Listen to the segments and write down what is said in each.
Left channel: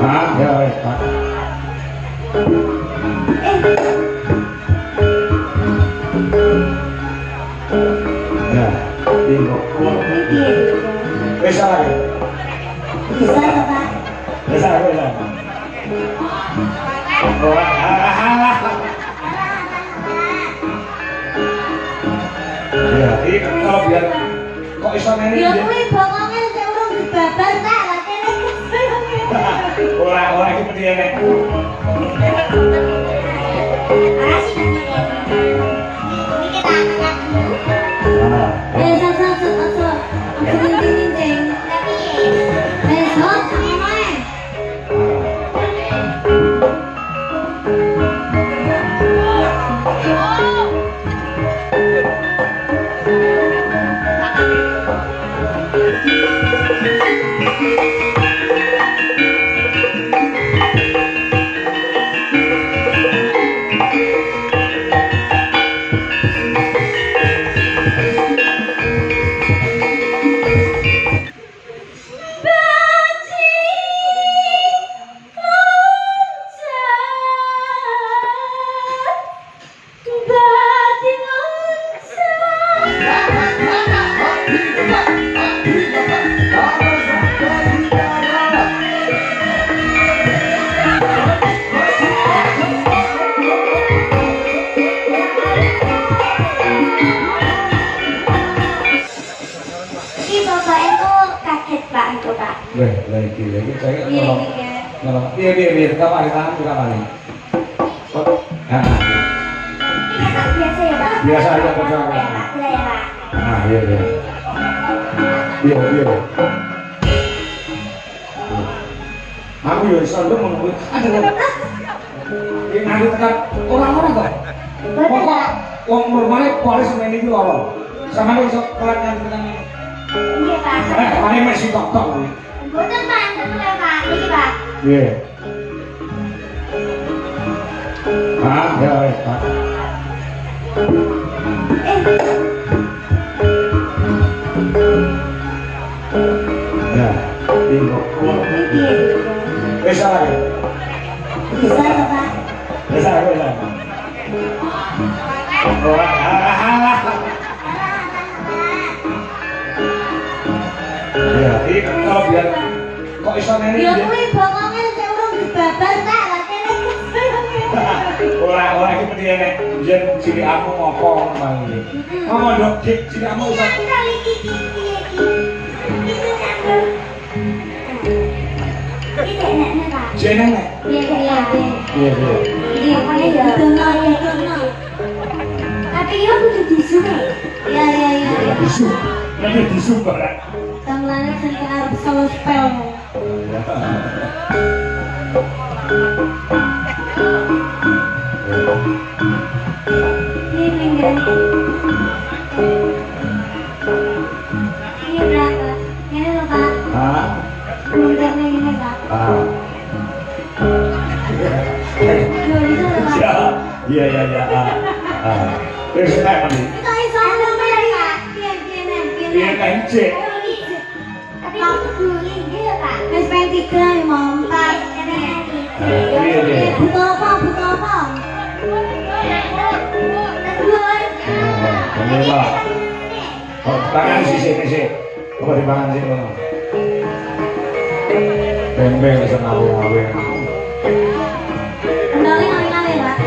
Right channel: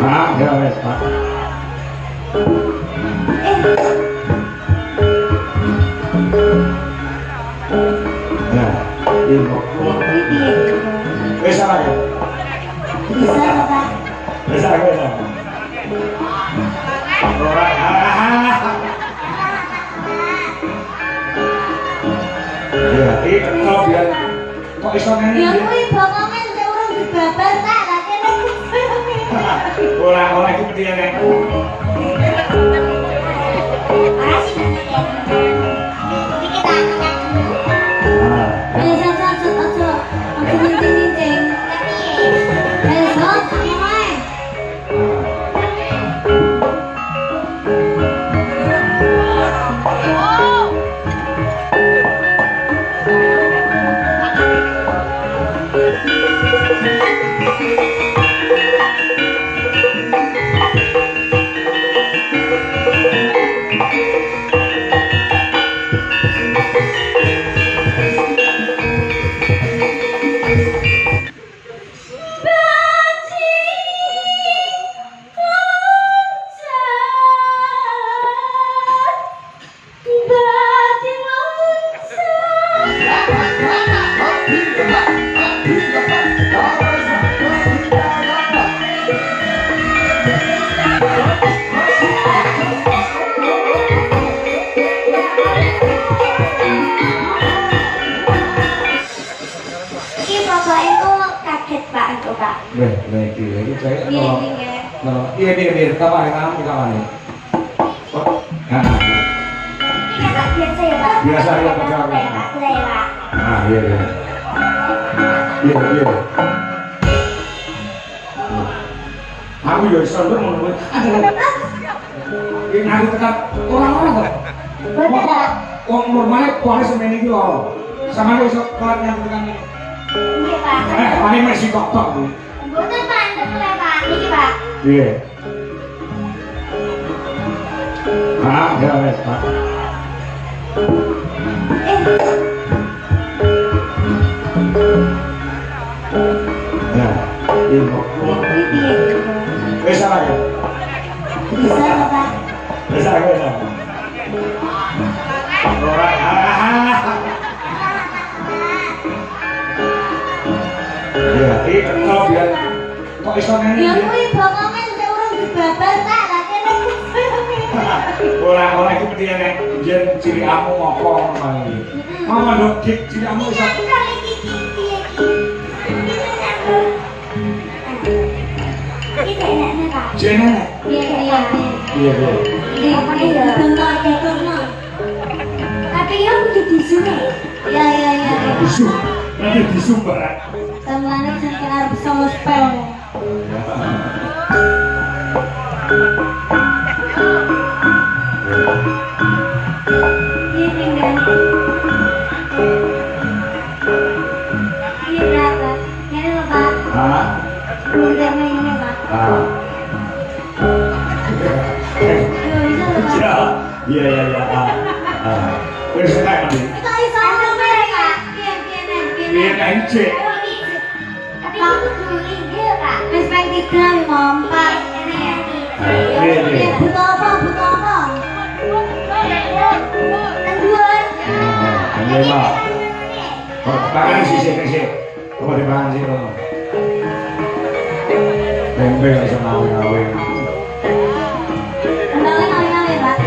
Ah, ya wes, Pak. Ya, ibu. Bisa ya? Bisa, Pak. Bisa ya? Ya, ini kalau biar kok iso ngene Ya dia. kuwi bokonge sing urung dibabar tak lakene. Ora iki penting ya. Lagi saya kalau dia kamar di kamar ini. Biasa ya, Pak. Biasa ya, Pak. Ah, iya. Aku ya sampe ngono. Ini nanti tetap orang kok. Betul. Wong normale kuwi semene iki lho. Sampe iso kuat nang Iya, Pak. mari masih tok-tok. Betul, Pak. Betul, Pak. Iki, Pak. Iya. Ah, ya wes, Pak. Ya, ibu. Bisa ya? Bisa, Pak. Bisa ya? Ya, ini kalau biar kok iso ngene Ya dia. kuwi bokonge sing urung dibabar tak lakene. Ora iki penting ya, jen ciri amu apa ngono iki. Mama ndok ciri amu iso. Jenenge. Iya. Iya. Tapi ya kudu disuke. Iya. Bisu. Nanti bisu barang. Tamane sing arep solo spell. Iya berapa? Ini loh, Pak. Hah? Minggirnya ini, Pak. Ah. Bisa loh, Pak. Iya. Wis nek iki. Kita iso ngomel ya. Piye kence? Tapi aku guling dia, Pak. Wis pengen tiga ya, Mom. Pak, ini ya. Iya. Butuh apa? Duluan. Ini Pak. Oh, tangan sisi. Apa dipangan sih ngono? Beng-beng iso ngawe-ngawe. Ngawe, Pak.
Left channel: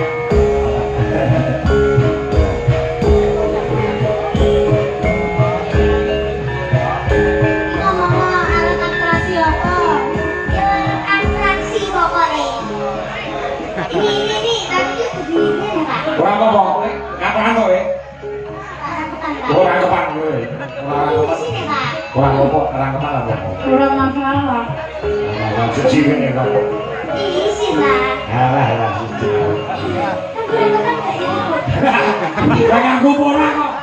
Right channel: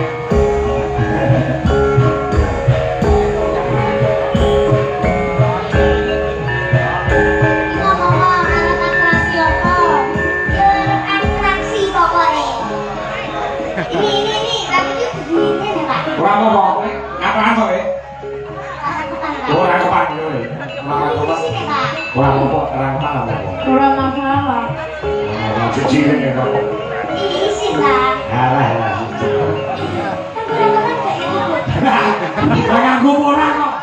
Ora apa-apa kowe. Kapan kowe? Ora kapan kowe. Ora apa-apa, ora kapan apa. Ora masalah. Cuci ini kok. Alah. Jangan ora kok.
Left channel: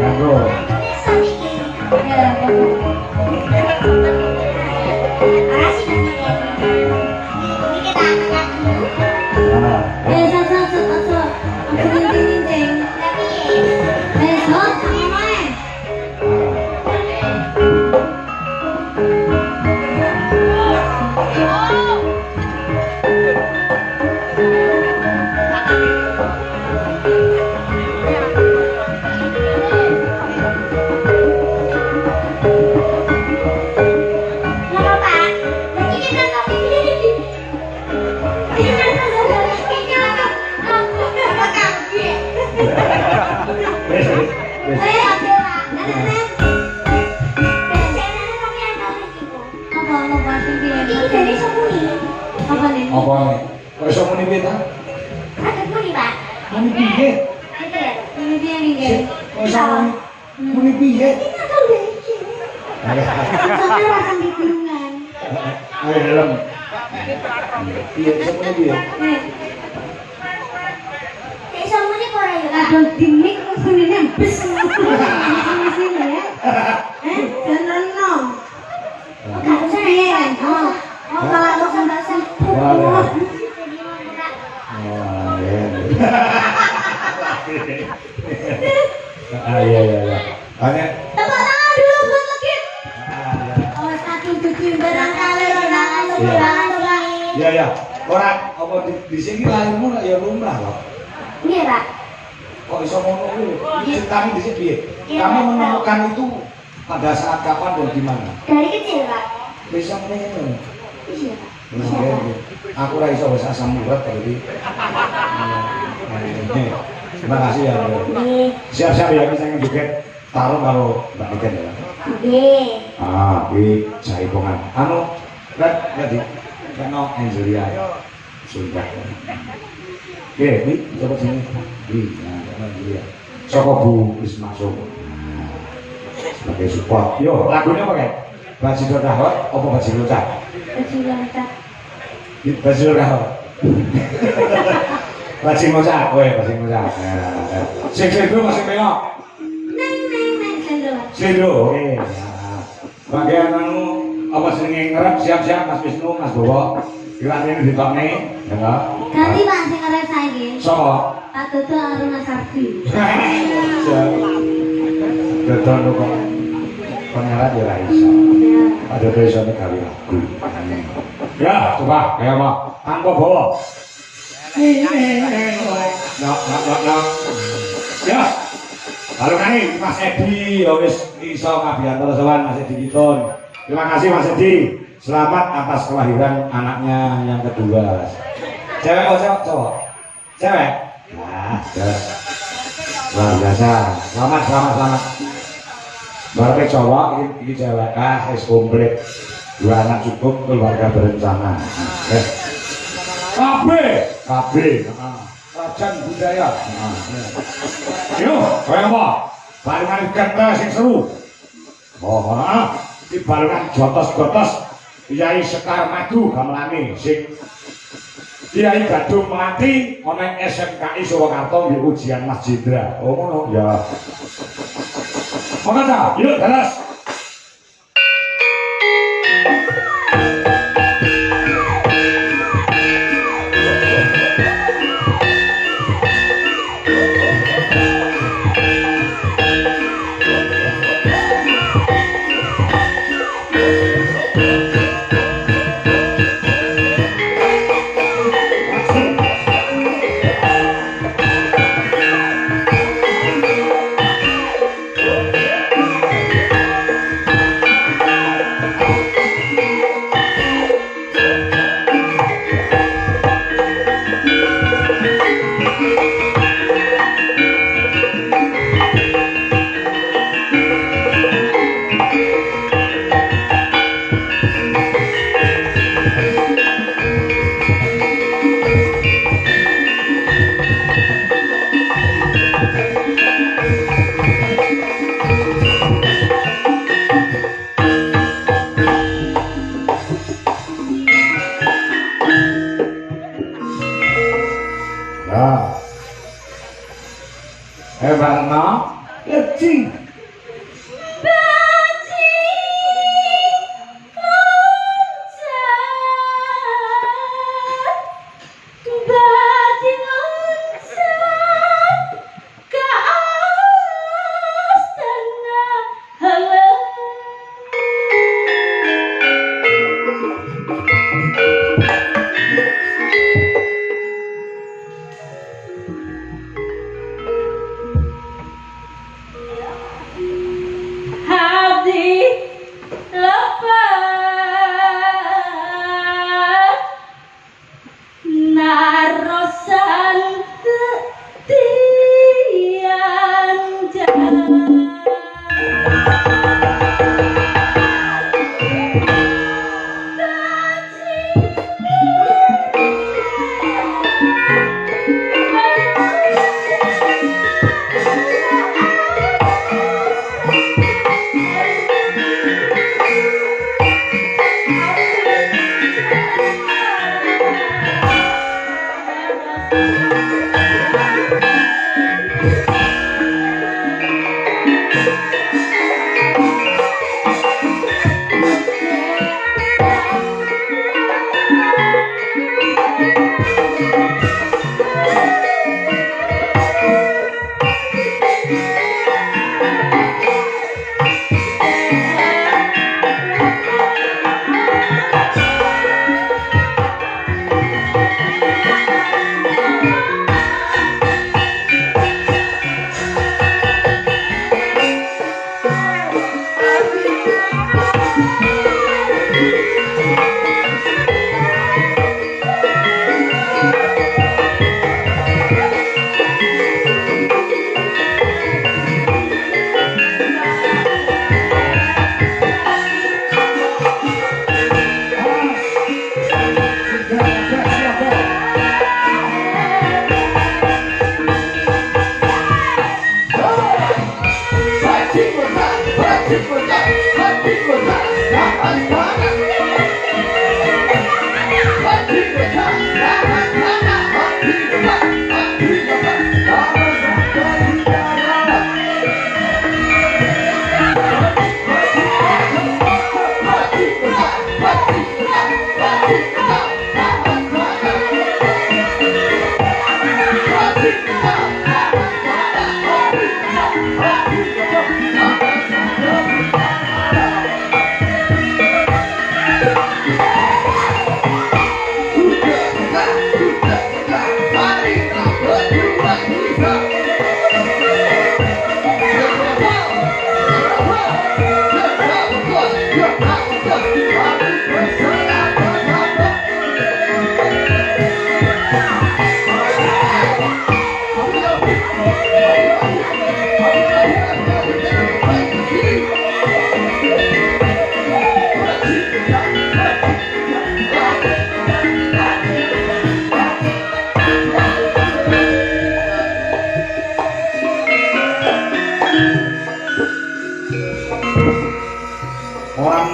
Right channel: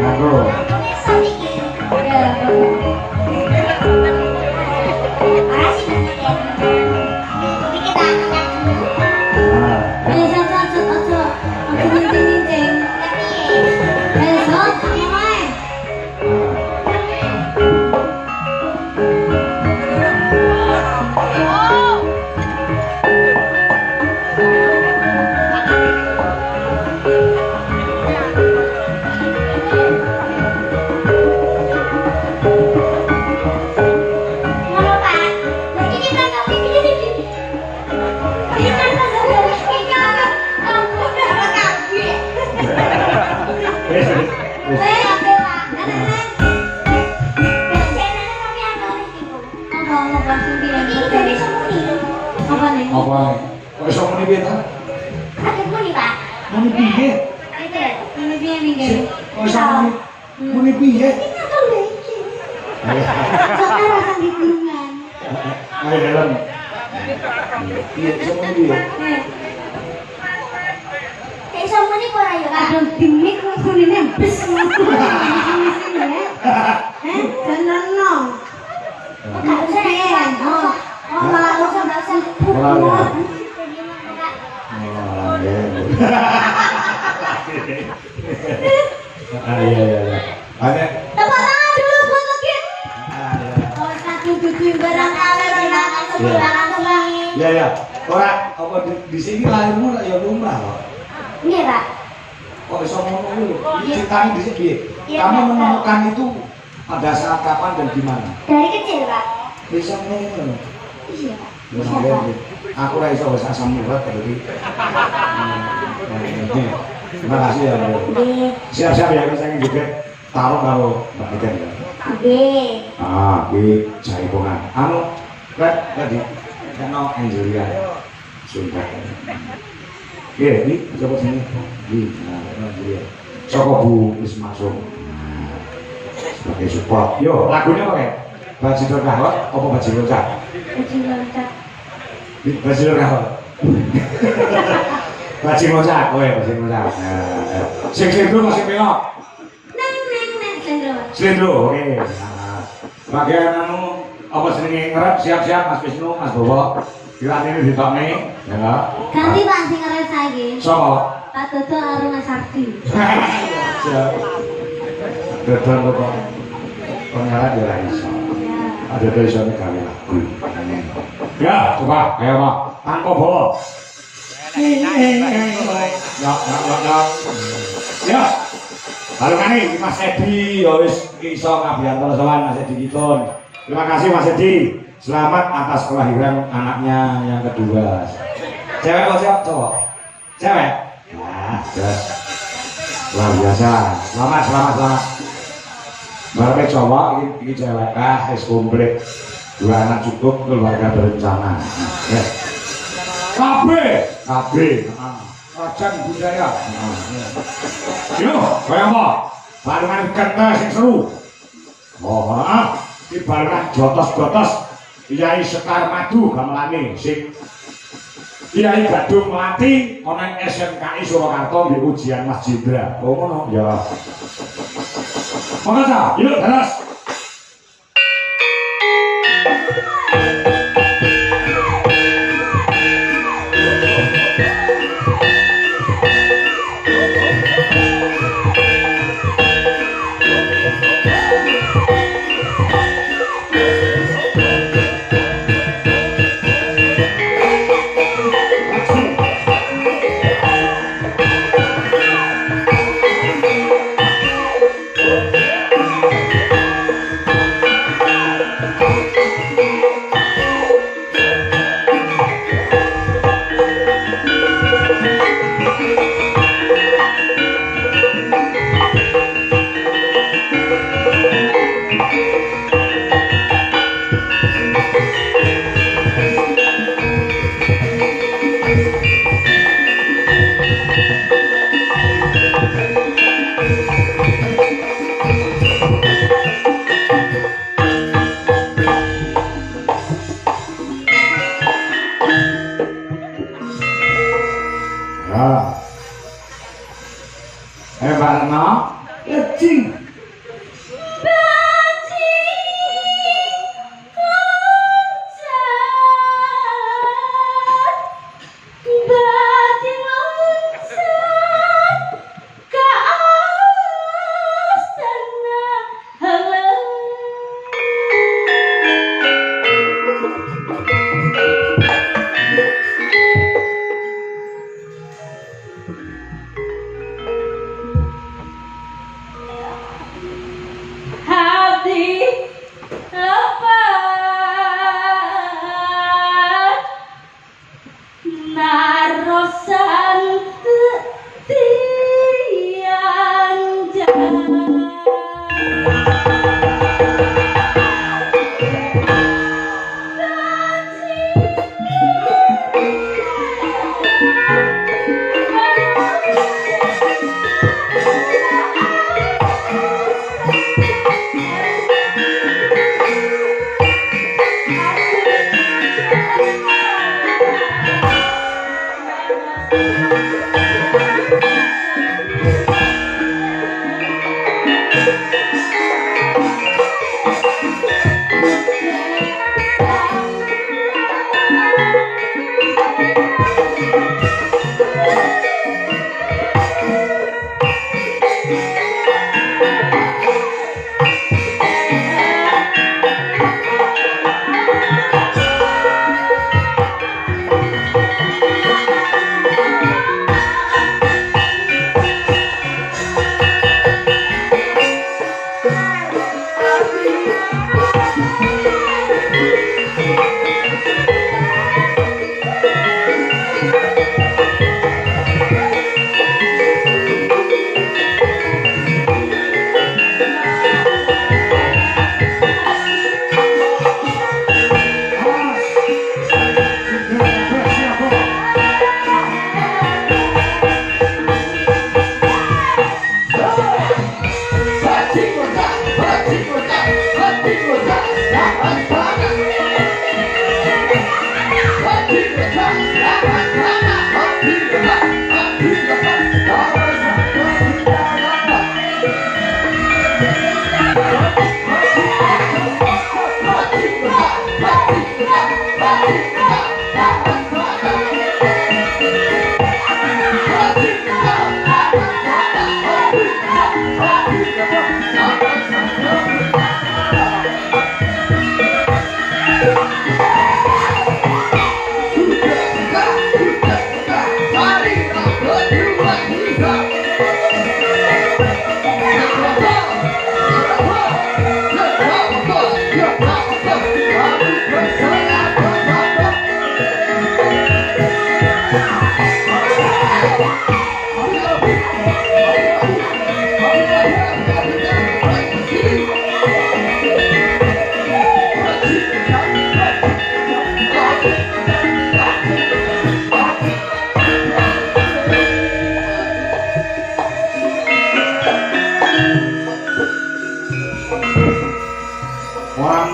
Nganggo. Apa nih? Apa nih? Kok iso muni piye ta? Muni piye? Ini dia nih jadi. Kok iso muni piye? Sekarang di kurungan. Ayo dalam. Piye iso muni piye? Kadang dimik langsung ini bis sini ya. Jangan no. Nggak usah ya. Oh malah langsung dasar. Iya. Hanya Tepuk tangan dulu buat lagi. Oh satu tujuh barangkali barangkali. ya. Orang apa di sini lahirmu ya lumrah loh. Iya Pak. Kok iso ngomong lu? Ceritanya di sini. Kamu menemukan itu pada saat kapan dan di mana? Dari kecil Pak. Besok ini. Iya Pak. Aku lah iso bahasa asam urat tadi. Terima kasih ya. Siap-siap ya saya juga taruh kalau Mbak Iken ya. Oke, saya hitungan. Anu, lihat tadi, kenal Angelia, sudah. Oke, ini coba sini. Angelia. Siapa Bu Ismasung? Sebagai support. Yo, lagunya apa ya? Baju Dorahot, apa Baju Locak? Baju Dorahot. Baju Locak, oh ya Baju Locak. Sing sendro masih melok. Sendro, oke. Bagian anu apa sering ngerep siap-siap Mas Wisnu, Mas Bowo. Kira ini ditokne, ya. Ganti Pak sing ngerep saiki. Sopo? Pak Dodo karo Mas Ardi. Dodo kok. Pengarap ya iso. Ada besoknya kali lagu. Ya, coba kayak apa? Tanpa bawa. Ya. Lalu kali Mas Edi, ya wis iso ngabiyanto sowan Mas Edi Kitun. Terima kasih Mas Edi. Selamat atas kelahiran anaknya yang kedua. Cewek atau cowok? Cewek. Ya, terus. Luar biasa. Selamat. Baru cowok ini cewek es komplit. 2 anak cukup, keluarga berencana. KB. Rajan budaya. Yo, kaya apa? Barengan kata sing seru. Oh, di barengan jotos-jotos. Kiai Sekar Madu gamelane sing Kiai Gadung Melati ana SMKI Surakarta nggih ujian Mas Jendra. Oh ngono ya. Monggo, yuk terus.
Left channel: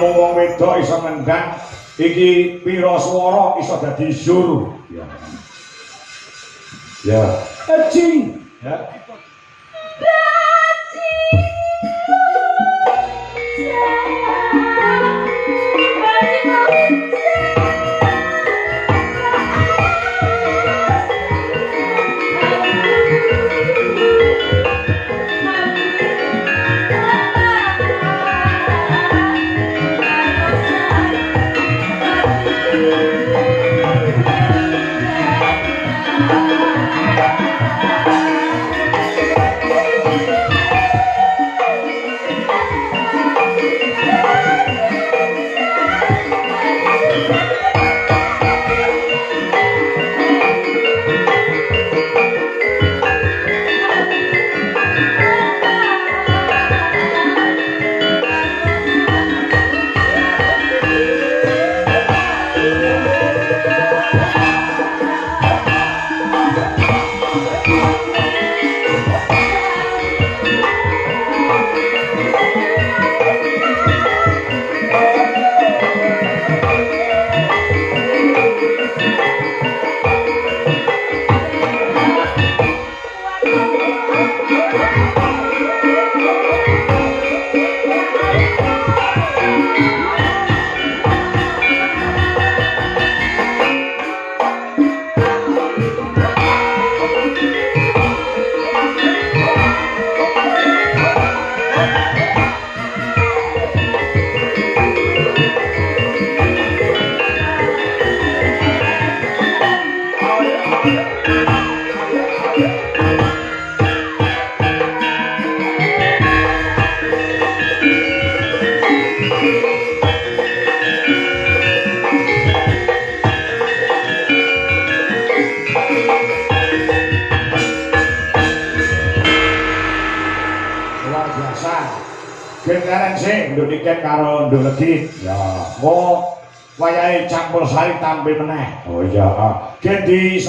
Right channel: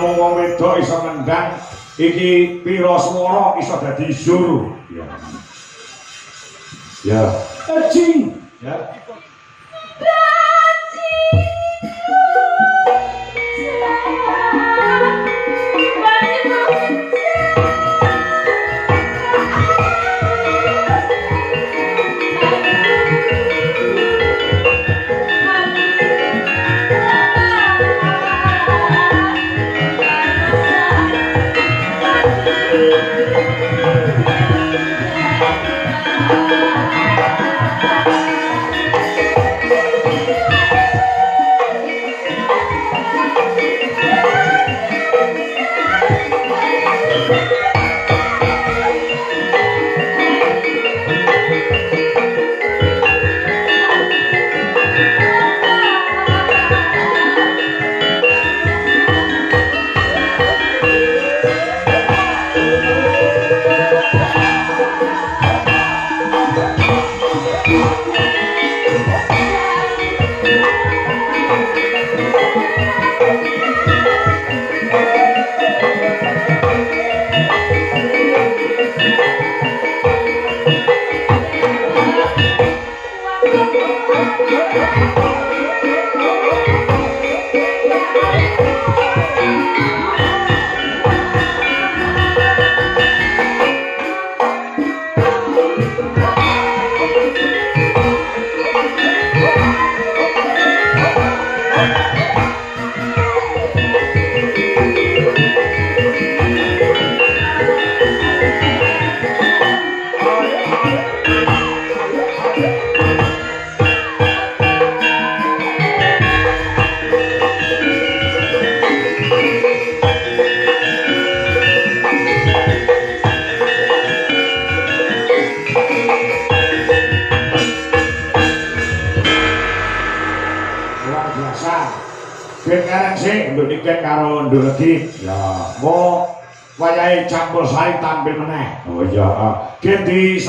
namung wong wedok iso nendang iki pira swara iso dadi zur. Ya. Ya. Eci. Ya. Karo nduk legi ya mau wayahe campur sari tampil meneh oh iya gen di